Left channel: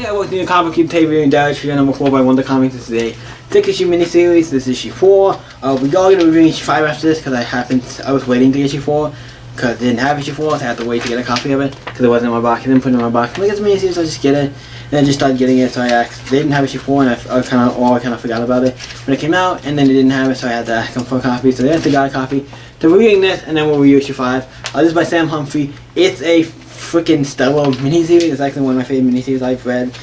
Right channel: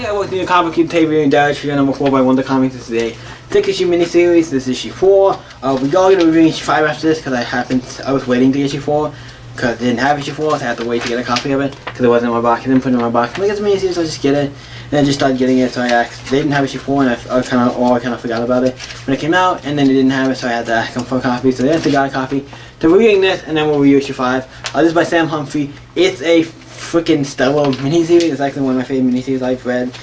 Hey, I worked in the comic book TV and Dash for number 4 by Wonder Comics. This is a 6-issue miniseries. This is issue 4. We are going to review issue 5 after this because I was waiting to get issue 4 because I didn't have issue 4, so I had to wait to get a copy of it because it wasn't in my box. I didn't put it in my box. I'm like, it's a miniseries, I'll just get it. And I just started getting it, so I asked. They didn't have issue 4, and I kind of forgot about it when it came out, and then they didn't have it, so I had to ask them for a copy. So they had to get a copy. So we're reviewing this, and then we'll review issue 5. This is by Sam Humphrey. It's a freaking stellar miniseries. It's actually one of my favorite miniseries I've read.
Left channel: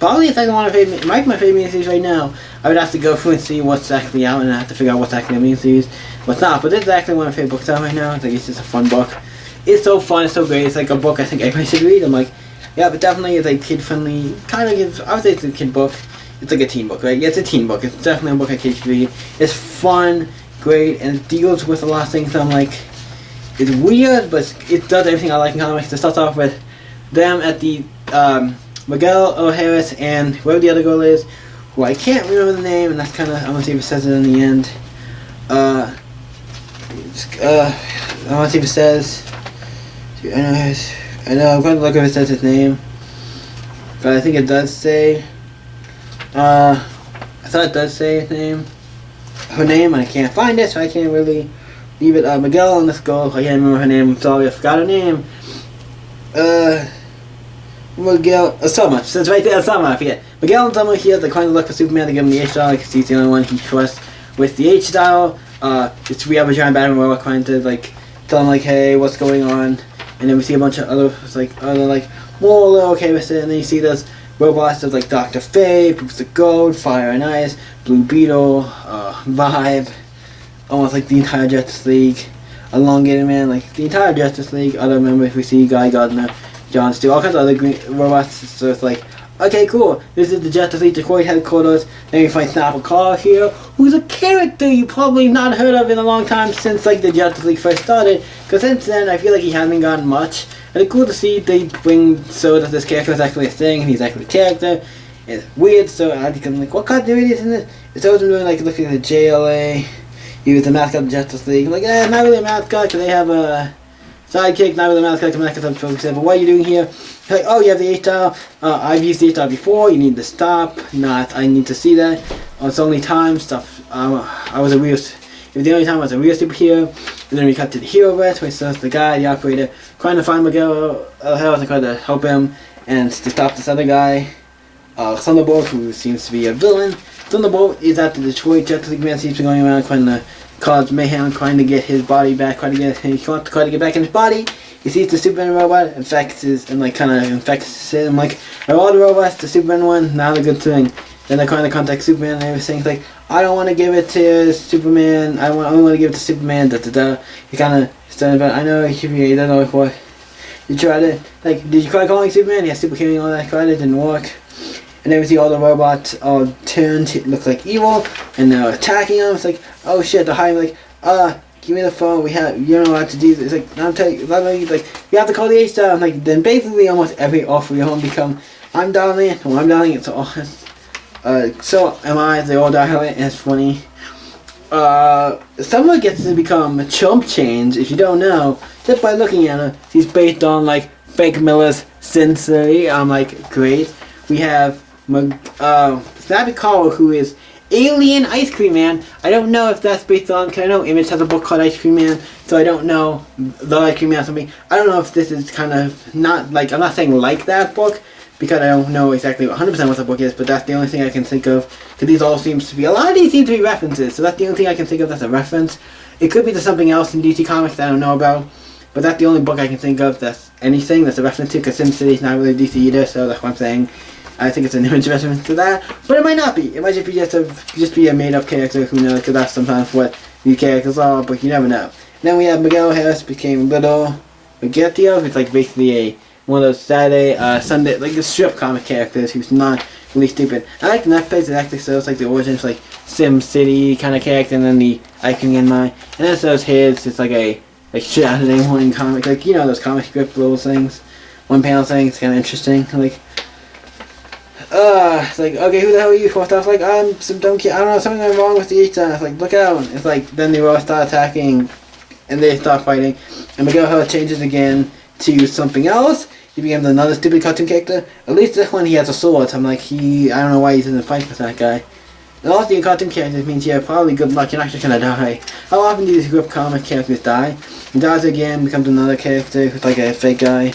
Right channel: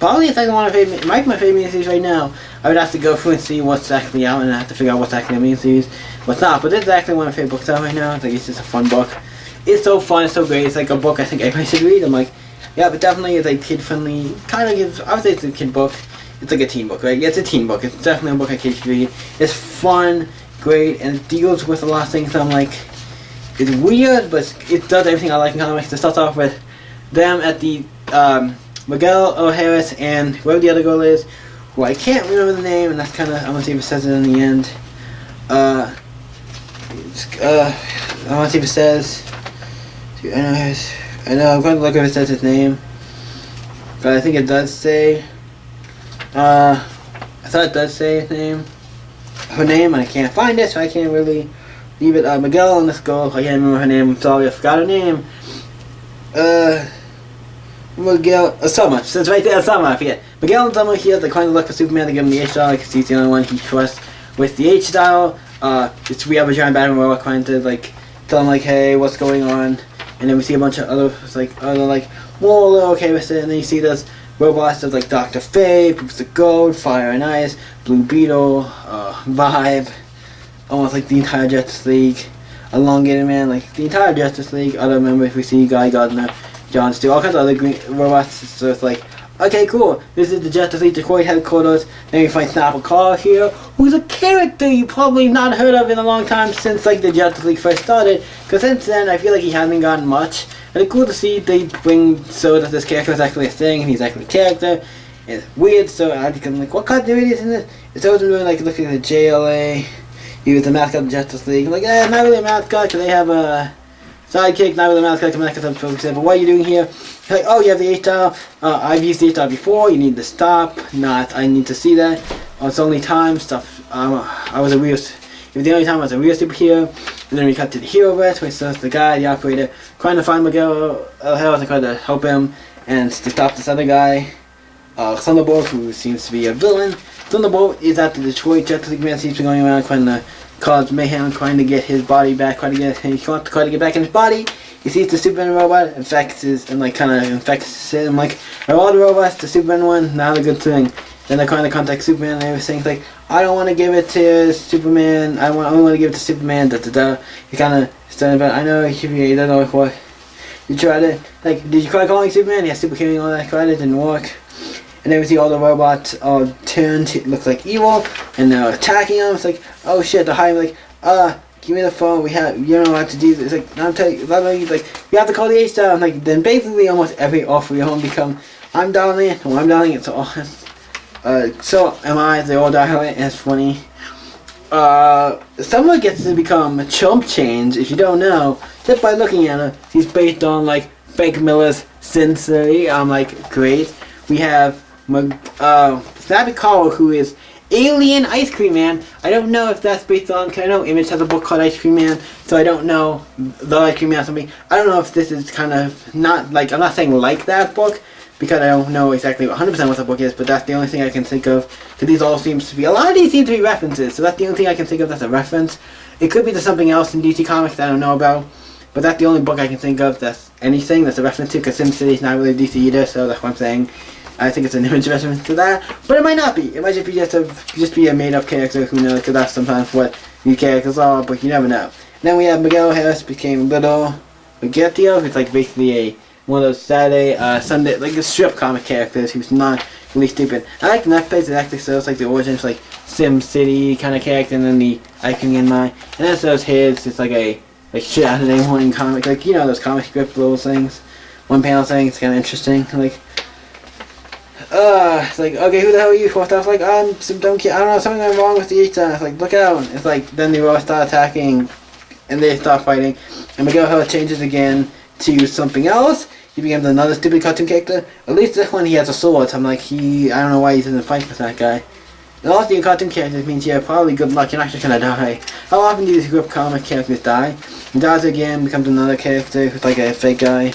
Probably it's actually one of my favorite, it might be my favorite miniseries right now. I would have to go through and see what's actually out, and I have to figure out what's actually a miniseries, what's not. But this is actually one of my favorite books out right now. It's like, it's just a fun book. It's so fun, it's so great. It's like a book I think everybody should read. I'm like, yeah, but definitely it's like kid friendly. Kind of gives, I would say it's a kid book. It's like a teen book, right? Yeah, it's a teen book. It's definitely a book a kid should read. It's fun, great, and it deals with a lot of things. I'm like, it's weird, but it does everything I like in comics. It starts off with them at the Miguel O'Harris and whoever the other girl is, who I can't remember the name, and that's kind of, I'm gonna see if it says it in the end. I want to see if it says. I know. I'm going to look if it says his name, but I think it does say. I thought it does say his name, her name, and I can't find it, so I can't really leave it. Miguel and this girl, I can't remember her name. I'm sorry, I forgot her name. Miguel, Summer, so it's right there, Summer, I forget. Miguel and Summer here, they're trying to look for Superman to give him the H-Style, because he's the only one he trusts with the H-Style. It's we have a giant Batman robot trying to, like, tell him, like, hey, what's going on? And then we see a bunch of other, more okay with it, and then you see those robots of, like, Dr. Fate, Bruce the Goat, Fire and Ice, Blue Beetle, Vibe, almost like the entire Justice League, Elongated Man, like, the entire Justice League, other members, we see Guy Gardner, John Steel, all kinds of other green robots. So it's like, okay, cool. This is the Justice League Detroit headquarters. Then we find Snapper Carl here, who's a character you probably not heard of in a long time since like the Justice League first started. Because since then, I feel like he hasn't gotten much. And it's cool to see they bring so that this character is actually a thing and he's actually a character. It's weird, so I become like, what continuity is in this? It's always been doing like looking at the JLA. He was the mascot of the Justice League. I'm like, not really a mascot because they have a sidekick, not really a mascot, come back and but what are you doing here? He's like, oh, you have the H-Style. I've used the H-Style before. You need to stop. Not, I need to see that. It's only time stuff. I was a real. It was the only time I was a real superhero. And then we cut to the hero verse, where it's the guy, the operator, trying to find Miguel O'Harris and trying to help him and to stop this other guy, Thunderbolt, who seems to be a villain. Thunderbolt is at the Detroit Justice League man. Seems to be going around trying to cause mayhem, trying to get his body back, trying to get back in his body. He sees the Superman robot, infects him. Like, are all the robots the Superman one? Not a good thing. Then they're trying to contact Superman and everything. It's like, I don't want to give it to Superman. I only want to give it to Superman. He kind of started about. I know he doesn't know what. You tried it. Like, did you try calling Superman? Yeah, Super King and all that. Tried it, didn't work. And then we see all the robots turned, it looks like evil, and they're attacking them. It's like, oh shit, they're hiding, like, give me the phone, you don't know what to do. It's like, I'm telling you, like, you have to call the H-Style. Like, then basically almost every offer you home become, I'm dialing it, or I'm dialing it, so am I, they all dial it, and it's funny. Someone gets to become Chump Change, if you don't know, just by looking at her. He's based on, like, Frank Miller's Sensei. I'm like, great. We have Snappy Carl, who is Alien Ice Cream Man. I don't know if that's based on, because I know Image has a book called Ice Cream Man, so I don't know the Ice Cream Man or something. I don't know if this is kind of not, like, I'm not saying like that book, because I don't know exactly 100% what the book is, but that's the only thing I can think of, because these all seems to be, a lot of these seem to be references, so that's the only thing I can think of that's a reference. It could be to something else in DC Comics that I don't know about, but that's the only book I can think of that's anything that's a reference to, because Sin City's not really DC either, so that's what I'm saying. I think it's an Image reference to that, but it might not be. It might just be a made-up character, who knows, because that's sometimes what these characters are, but you never know. And then we have Miguel Harris became Little Spaghettio, who's like basically one of those Saturday, Sunday, like a strip comic characters who's not really stupid. I like the next page, it actually shows like the origins, like Sim City kind of character, and then the icon in mind, and then it shows his, it's like a Saturday morning comic, like, you know, those comic strip little things, one panel thing. It's kind of interesting, like, it's like, okay, who the hell are you? First off, like, I'm some dumb kid, I don't know, something went wrong with the H-Style. It's like, look out. It's like, then they all start attacking, and they start fighting, and Miguel Hill changes again to something else. he becomes another stupid cartoon character. At least this one he has a sword, so I'm like, I don't know why he doesn't fight with that guy. And also your cartoon characters means you have probably good luck, you're not just gonna die. How often do these group comic characters die? He dies again, becomes another character who's like a fake guy.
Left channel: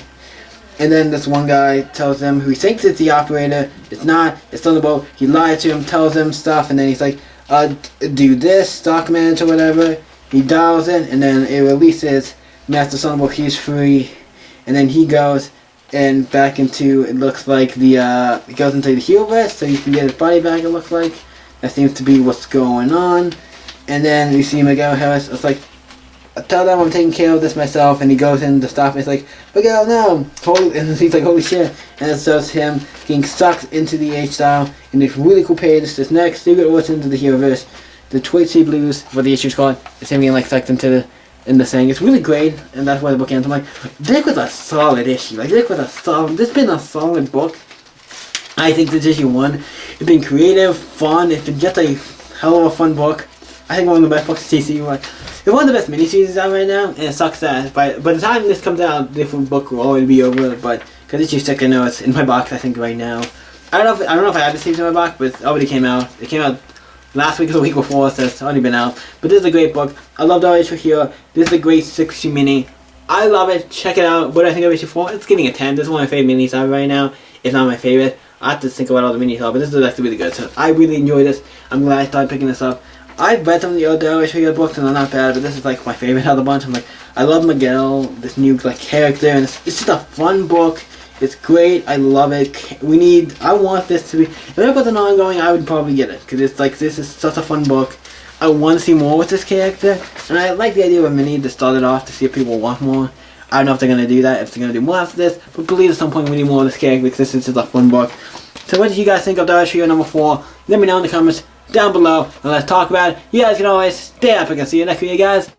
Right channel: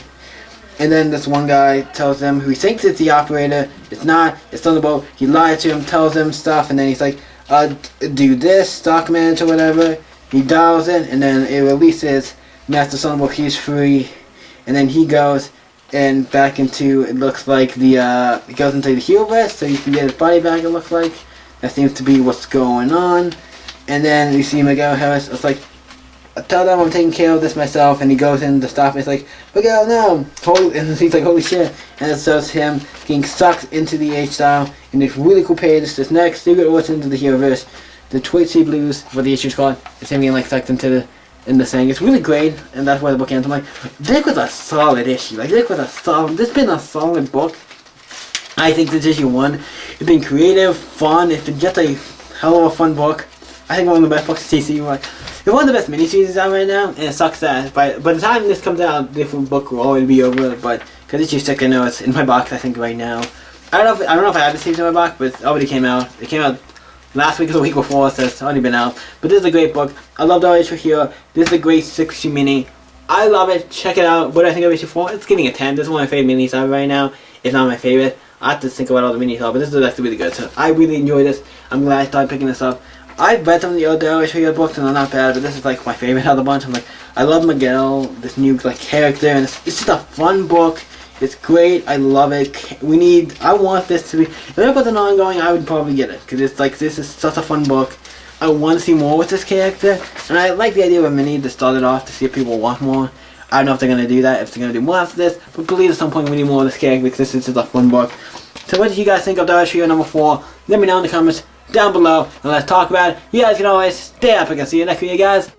And then this one guy tells them who he thinks it's the operator. It's not, it's Thunderbolt. He lies to him, tells him stuff, and then he's like, do this, stock manage or whatever. He dials it, and then it releases Master Thunderbolt, he's free. And then he goes and back into, it looks like the, he goes into the Heroverse, so you can get his body back, it looks like. That seems to be what's going on. And then we see Miguel Harris, it's like, tell them I'm taking care of this myself, and he goes in to stop it. It's like, Miguel, no! And he's like, holy shit. And it shows him getting sucked into the H-Style in this really cool page. It's this next Secret Origins into the Heroverse. The Twitch Sea Blues, what the issue's called. It's him getting like sucked into the thing. It's really great, and that's why the book ends. I'm like, this was a solid issue. Like, this has been a solid book. I think this issue 1, it's been creative, fun, it's been just a hell of a fun book. I think one of the best books in TC. It's one of the best miniseries out right now, and it sucks that by the time this comes out, this book will already be over. But because issue 6, I know it's in my box. I think right now, I don't know if I have the series in my box, but it already came out. It came out last week or the week before, so it's already been out. But this is a great book. I love the issue here. This is a great 6-issue mini. I love it. Check it out. What do I think of issue 4? It's getting a 10. This is one of my favorite minis out right now. It's not my favorite. I have to think about all the minis, but this is actually really good. So I really enjoy this. I'm glad I started picking this up. I've read some of the other issue books and they're not bad, but this is like my favorite out of the bunch. I'm like, I love Miguel, this new like character, and it's just a fun book. It's great. I love it. I want this to be. If it was an ongoing, I would probably get it because it's like this is such a fun book. I want to see more with this character, and I like the idea of a mini to start it off to see if people want more. I don't know if they're gonna do that, if they're gonna do more after this, but believe at some point we need more of this character because this is just a fun book. So what did you guys think of Issue number 4? Let me know in the comments down below, and let's talk about it. You guys can always stay epic, and see you next video, guys.